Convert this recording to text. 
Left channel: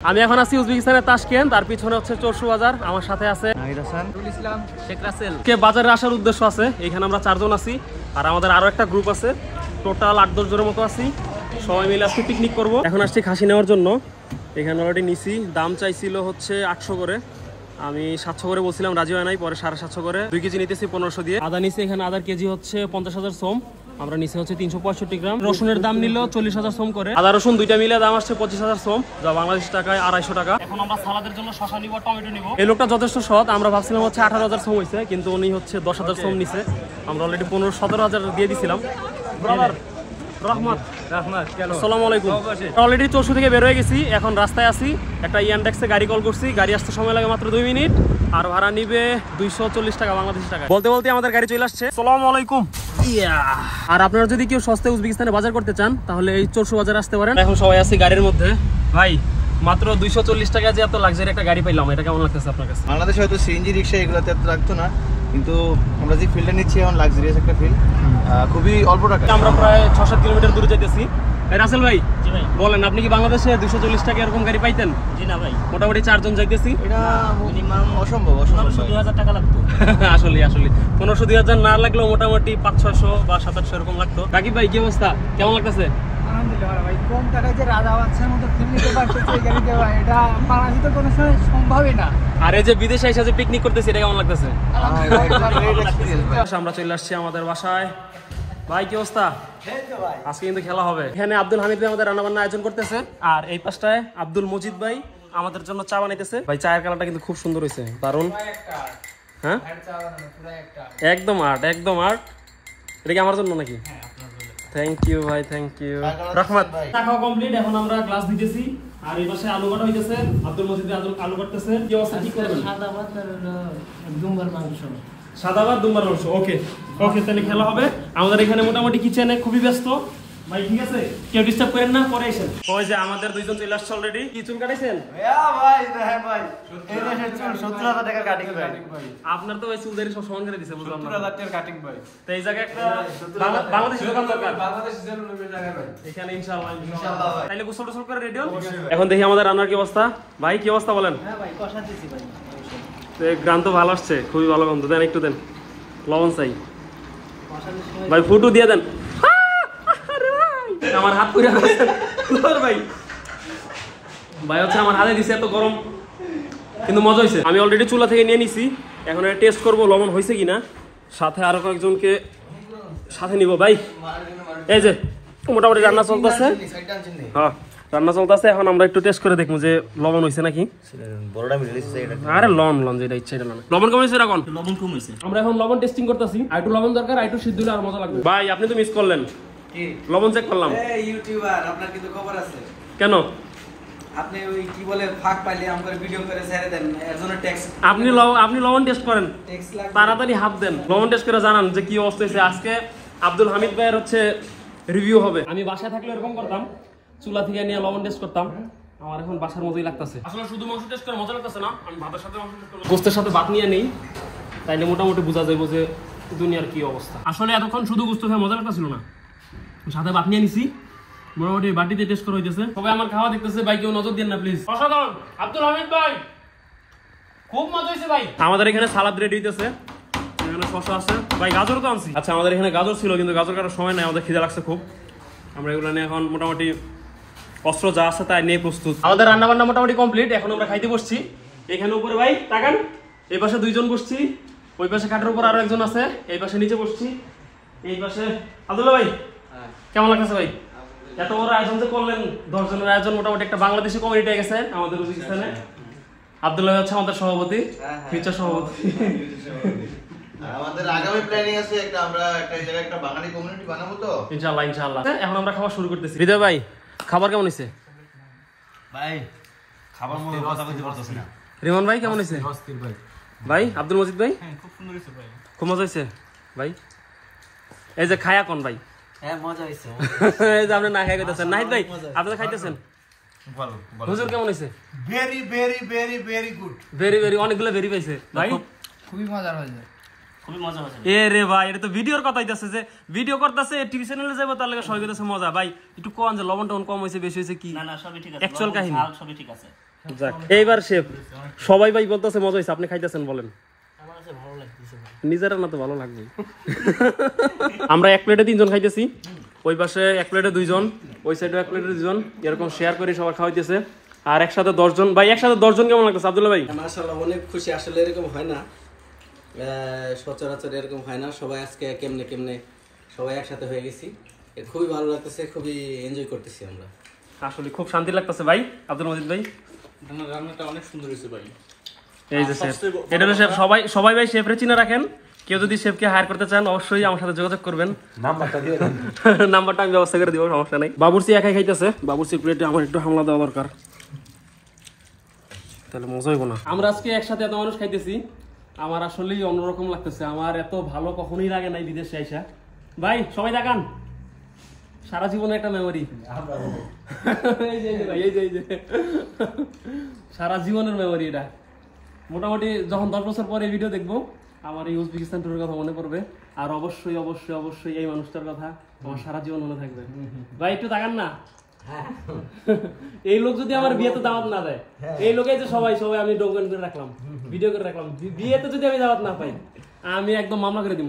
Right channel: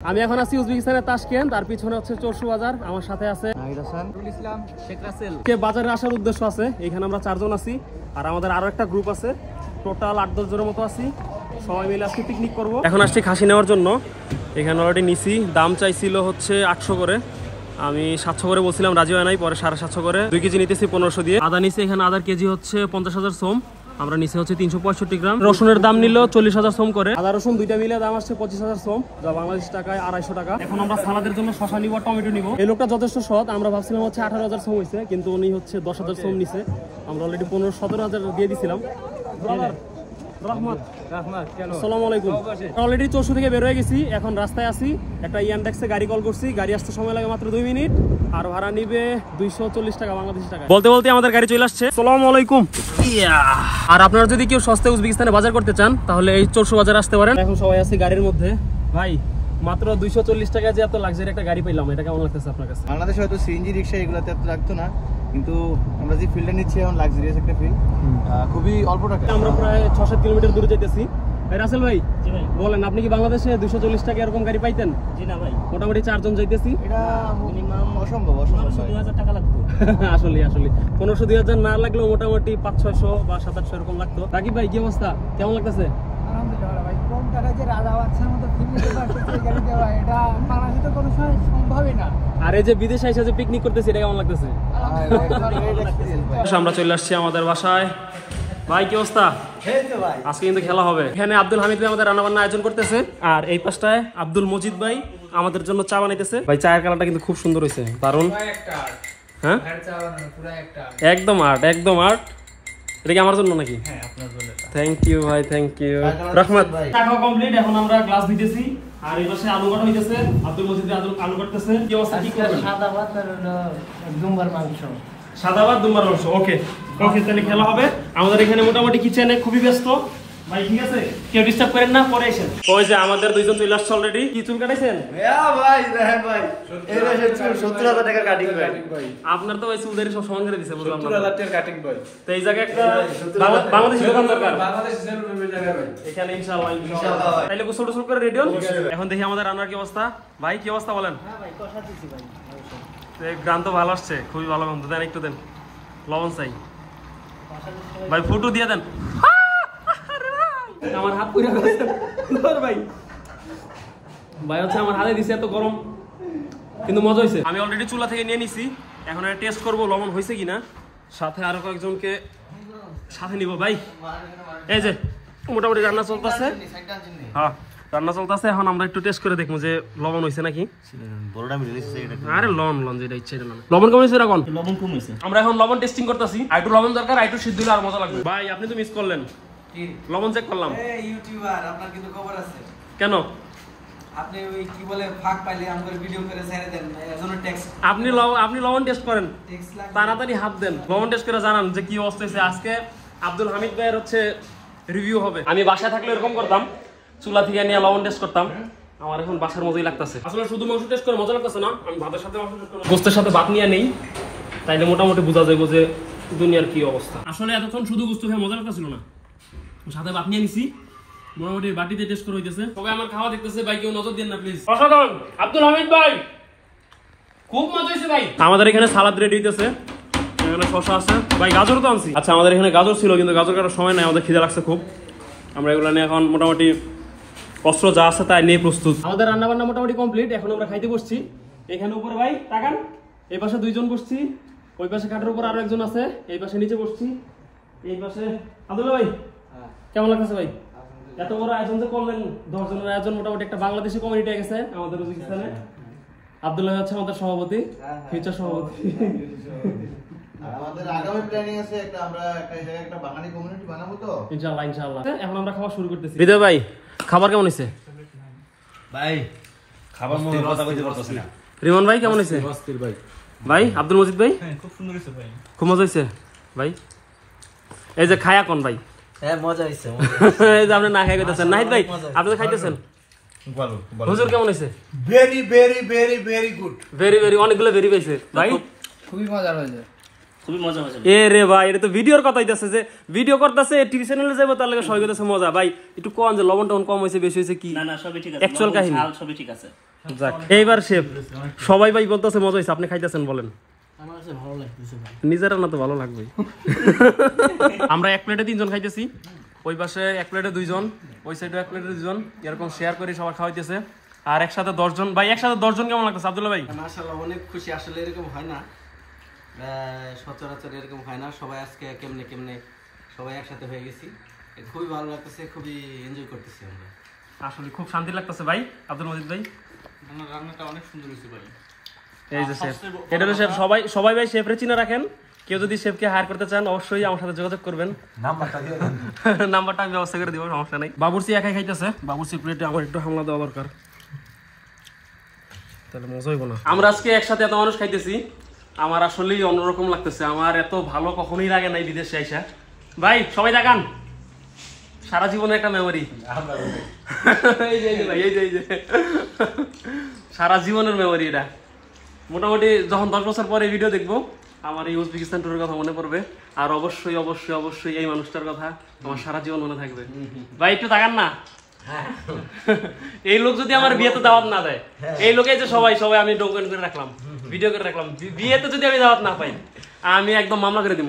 আমি এখন আছি উজবেকিস্তানের তাশকেন্ট, তার পিছনে হচ্ছে চরসু বাজার। আমার সাথে আছে নাহিদ হাসান, ইসলাম, শেখ রাসেল। কে বাজারে আসার উদ্দেশ্য আছে, এখানে আমরা 4 জন আছি, আর আমাদের আরো একটা গ্রুপ আছে, টোটাল 8-10 জনের মতো আছি। সবাই মিলে আজকে পিকনিক করব। এখন আসছি খাসি নেওয়ার জন্য, এখানে অলরেডি নিছি। দাম চাইছিল হচ্ছে 800 করে, আমি 700 করে বলছিলাম, রাজি হয় নাই, পরে 750 করে। 2 কেজি নিতেছি 1500 দিয়ে। আদা নিছি এখানে, আদার কেজি হচ্ছে 50,000 সোম, আমরা নিচে হচ্ছে 365 গ্রাম। রসুনের দাম নিল 40,000 সোম করে। আদা রসুন দুইটা মিলে দাম আসছে 25,000 সোম, যা বাংলাদেশ টাকায় 250 টাকা। এখন আমরা সালাদের জন্য শসা নিব, টমেটো নিব। এই লোকটা যথেষ্ট সৎ, আমরা ভাবছিলাম হচ্ছে 18,000 সোম হয়েছে, কিন্তু উনি হচ্ছে 10,000 সোম নিছে। আমরা অলরেডি 15-17,000 দিয়ে দিছিলাম। অলরেডি চরসু থেকে বের হয়ে গেছি, এখন রাস্তায় আছি। একটা ইয়ানডেক্সে গাড়ি কল করছি, গাড়ি আসতে সময় লাগে মাত্র 2 মিনিট, আর ভাড়া নিবে 240 টাকা বাংলাদেশি টাকা। বলতে বলতে আমাদের গাড়ি চলে আসছে। আসসালামু আলাইকুম। আর আপনারা যদি কেউ সস্তায় উজবেকিস্তানে বাজার করতে চান, তাহলে এই চরসু বাজার আসতে পারেন। এখন সবাই আছি গাড়ির মধ্যে। ভাই মাত্র 240 টাকা যে এত লাক্সারি একটা গাড়ি পাইলাম, এটা কেমন লাগতেছে আপনার কাছে? বাংলাদেশে হয়তো সিএনজি রিক্সা এগুলোতে এত লাগতো না, কিন্তু আমরা যে ফিল্ডে নিচ্ছি এখন লাক্সারিয়াস একটা ফিল্ড, খুবই অল্প টাকা। আমরা প্রায় 6-7 কিলোমিটার দূরে যেতেছি। রাসেল ভাই, জি ভাই বলেন, আপনি কি বাংলাদেশে 240 টাকা এরকম গাড়ি পাইতেন? জি না ভাই, মোটামুটি 4 জন যাইতেছি। এটা মিনিমাম অসম্ভব 2000 টাকা লাগতো। আসলে 1500-2000 না লাগলেও মোটামুটি 500-600 বা 700 এরকম লাগতো। রাকিব ভাই, কি অবস্থা, কেমন লাগতেছে? আলহামদুলিল্লাহ ভাই, কম টাকায় যে রাজা বাচ্চার মতো ফিল নিতে পারতেছে এই গাড়িতে, ভাই এটা বাংলাদেশে তো কোনো সময় সম্ভবই না। আর এই যে বিদেশে এসে যে পিকনিক করতেছি, এটা কেমন লাগতেছে? আমরা চলে আসছি আমাদের বাসায়। ভাই কি অবস্থা? আজকে কিন্তু খেলা হবে। এখানে আব্দুল হামিদ ভাই আমাদের রান্নাবান্না আয়োজন করতেছে, আর এই পাশটায় আব্দুল মজিদ ভাই আমাদের জন্য চা বানাইতেছে। ভাই চায়ের কালারটা কিন্তু খুব সুন্দর হয়েছে, দারুন। হ্যাঁ একদম আর্ট, একদম আর্ট। এটা কি আমার জন্য নাকি? হ্যাঁ আপনার জন্য। থ্যাংক ইউ ভাই, থ্যাংক ইউ। রহমত চা খাওয়া কমপ্লিট, এখন আমরা গ্লাস দিতেছি, আর এই পাশে আলু কাটা হইতেছে। আব্দুল মজিদ আলু কাটতেছে। কি অবস্থা, কি করবেন? সাদা ভাত আর দুম্বার মাংস। সাদা ভাত দুম্বার মাংস। ওকে ওকে, তাহলে খেলা হবে। আমাদের এখানে মোটামুটি কিচেনে খুবই ব্যস্ত ভাই, ঠিক আছে, কেউ ডিস্টার্ব করেন না, পরে এসেন। ওই যে আমাদের 2 জন চলে আসছে অলরেডি। কি চুল কাটাইছেন? ভাই দেখেন ভাই, এই যে 70,000 টাকা কাটিং ভাই। আপনার তো ভাই চুল দাড়ি সব সমান করে দিছে, বুঝলাম। 70,000 টাকা কাটিং ভাই। তো এই জায়গায় একটা বাংলাদেশি দোকান দরকার। বাংলাদেশে জেনুইন জায়গা ভাই। এখানে ইনশাআল্লাহ তাইলে গোসল টোসল করে রেডি হন। এখন দেখি আমাদের রান্নার কি অবস্থা। ভাই কি অবস্থা বলেন? হ্যাঁ ভাই, কষা দিছি ভাই। গ্রান তো ভালো আসছে, খুবই ভালো গন্ধ। দেন একটু দেন, লবণ চাই ভাই, ফুটু দিয়ে দেন। আমার হাত পুড়ে গেছে ভাই। ভাই হচ্ছে আমার হাতে দিছে, এত গরম, কিন্তু মজা হয়েছে। আমি অলরেডি চুলা থেকে নিয়ে নিছি, এখন এটা টেস্ট করবো লবণ হয়েছে কিনা। সাথে আরো কয়েকজনকে সাথে নিব। ভাই এই যে মোটামুটি রান্না চলতেছে। হ্যাঁ রান্না চলতেছে, এখন আমরা একটু টেস্ট করে দেখবো যে লবণ হয়েছে নাকি। আরে লবণ যেটা ইচ্ছা এটা লবণ কম হয়েছে, এখন লবণ কম হয়েছে। আমরা এখন লবণ টেস্টিং করতেছি। আইটু লবণ দরকার, আইটু সিদ্ধ হলে আর মজা লাগবে। ভাই আপনি তো মিস করলেন, লবণ চেক করলাম। এই ইউটিউবার, আপনার কিন্তু খবর আছে। কেন? আপনি ওই কি বলে ফাঁক পাইলে আমার ভিডিও করে ছেড়ে দেন, এজন্য ট্যাক্স। আপনি লবণ টেস্ট করেন, তাড়াতাড়ি হাত দেন, লবণ টেস্ট করে জানান যে কি অবস্থা হয়েছে। আজকে আব্দুল হামিদ ভাইয়ের হচ্ছে রিভিউ হবে। আমি বাসায় থাকলে এরকম করতাম, চুলা থেকে নিয়ে লবণ টেস্ট করতাম। আমার এখন বাসার মতোই লাগতেছে। আসলে শুধু মাংস টেস্ট করে মজা লাগতেছে না, আমি ভাতের সাথে মাংস টেস্ট করে গোস্তের সাথে ভাত নিয়ে নেই, তাইলে মোটামুটি বোঝা যাবে যে দুনিয়ার কি অবস্থা। আসলে এতক্ষণ শুধু গোস্ত খেয়ে মজা লাগতেছিল না, সাথে ভাত নিয়ে নিছি, মোটামুটি বাটিতে টেস্ট করে হইতেছে। সবাই আমার খাওয়া দেখতেছে ভাই, কেউ নজর দেন না প্লিজ। অসাধারণ আব্দুল হামিদ ভাই, খুব মজা হয়েছে ভাই। আমাদের এখানে সালাদ রেডি হইতেছে, এখানে শসা আছে ভাই, গাজর তো আনছি। আচ্ছা আমাদের এখানে গাজর ছিল, কিন্তু গাজর কাটার সময় নাই, আমাদের খিদে লাগছে খুব। আমরা এগুলো নিয়ে এখন মোটামুটি অস্ত্র যা আছে তাই নিয়ে প্রস্তুত। আমাদের রান্না বান্না মোটামুটি কমপ্লিট, এখন আমরা খাইতে বসছি। এখানে উপরে ভাই তাকান, এই পাশে 2 জন বসছি, ওই পাশে কাঠের উপর আরো একজন আছে, এই পাশে নিচে বসছি, এই পাশে আব্দুল্লাহ ভাই। কেমন লাগছে ভাই? এত বড় আয়োজন যে করলেন, 10 জনের আয়োজন, মোটামুটি একটা বাংলাদেশি কমিউনিটি গেছে আমাদের উজবেকিস্তানে। আব্দুল্লাহ হচ্ছে আমাদের সভাপতি, ফিউচার সভাপতি। আমাদের আগামী প্ল্যানিং আছে একটা, আমরা একটা জায়গায় একটা বাঙালি কমিউনিটি বানাবো তো ইনশাআল্লাহ ইনশাআল্লাহ। এখন আমরা খাওয়া শুরু করতেছি। হৃদয় ভাই খাবার কেমন হয়েছে? ভাই খাবার মধ্যে কথা বলতে পারতাছ না। রিমন ভাই কেমন হয়েছে? অস্থির ভাই। ভাই আব্দুল মজিদ ভাই? হ্যাঁ খুব সুন্দর হয়েছে ভাই, খুব মজা হয়েছে ভাই। এই যে খায়া কোন ভাই? হ্যাঁ মজা হয়েছে। এই যে আপনি না খাই কইতাছেন। নাহিদ ভাই আপনি তো খাইতেছেন, হুজুর কেমন হয়েছে? Very very very very good. Very very, অনেকগুলো ভেরি পাইছে ভাই, খুবই মজা হয়েছে। খুবই মজা হয়েছে। এ রে ভাই, এটা তো ভিডিওর কথা হইতাছে, যে ভিডিও করতেছে টিভি চ্যানেলে যাবো, তার লাগে সবাই কইতাছে মজা। ভাই একটু কোন যে লবণ টবণ কম হয়েছে বেশি হয়েছে কি? না না সবই ঠিক আছে, অ্যাকচুয়াল কাহিনী সবই ঠিক আছে। যাক এইবার শেফ সবাই ভাই বলতেছে মজা হয়েছে, আপনি খাইতেছেন বলেন। নিজেরা না তো ভালো লাগবে। আমরা এক প্লেটে 3 জন খাইতেছি, ওই পাশে এক প্লেটে 2 জন, ওই সাইডে এক প্লেটে 2 জন, এরকম শেয়ার করে সবাই খাওয়াইতেছে। আর একসাথে 10 জন। ভাই একসাথে 10 জন কেমন লাগতেছে আব্দুল্লাহ ভাই? মাশাআল্লাহ অনেক খুশি, আসলে এরকম হয় না, সচরাচর এরকম হয় না। সবাই আজকে কেমনে কেমনে সবাই একসাথে হয়ে গেছি, খুবই ভালো লাগতেছে, খুবই এনজয় করতেছি আমরা। আসলে খুব শান্তি লাগতেছে ভাই। আব্দুল মজিদ ভাই রান্নাটা অনেক সুন্দর হয়েছে ভাই। এই যে শেফ, এটা হলো শেফ। সবাই ভাই শেফরে চিনে রাখেন। কেউ যদি শেফকে হায়ার করতে চান অবশ্যই আমার সাথে যোগাযোগ করবেন। নাম্বারটা আমি ব্যবস্থা করে দিব, সমস্যা নাই। বাবুর্চি একাই খাইতেছে, বাবুর্চি প্লেটে আমার একটু হামলা দেওয়া দরকার, তাহলে মজা হইব না। আমরা আজকে একসাথে এত মানুষ খাইতেছি, আমার আসলেই অন্যরকম লাগতেছে। আমার এত ভালো কখনোই লাগে নাই বিদেশে আইসা। ভাই সবাই দেখান, সারা জীবনের একটা মেমোরি। সারা জীবনের মেমোরি এটা। মোটামুটি যখন 10 বছর পরে ভিডিও দেখবো আমার এই উজবেকিস্তান ট্যুরের কথা মনে পড়বে, আর অবশ্যই অবশ্যই অবশ্যই এই মানুষটার কথা আমার সারা জীবন মনে থাকবে। ভাই একটু তাকান না, এই লোক যদি আমার বিয়েতে দাওয়াত না দেয়, এই লোকে যে সবাই আমি ডকুমেন্ট করে রাখলাম, ভিডিও করে রাখলাম, বিয়েতে যদি আমি দাওয়াত না পাই আমি একদম মামলা করে দেবো।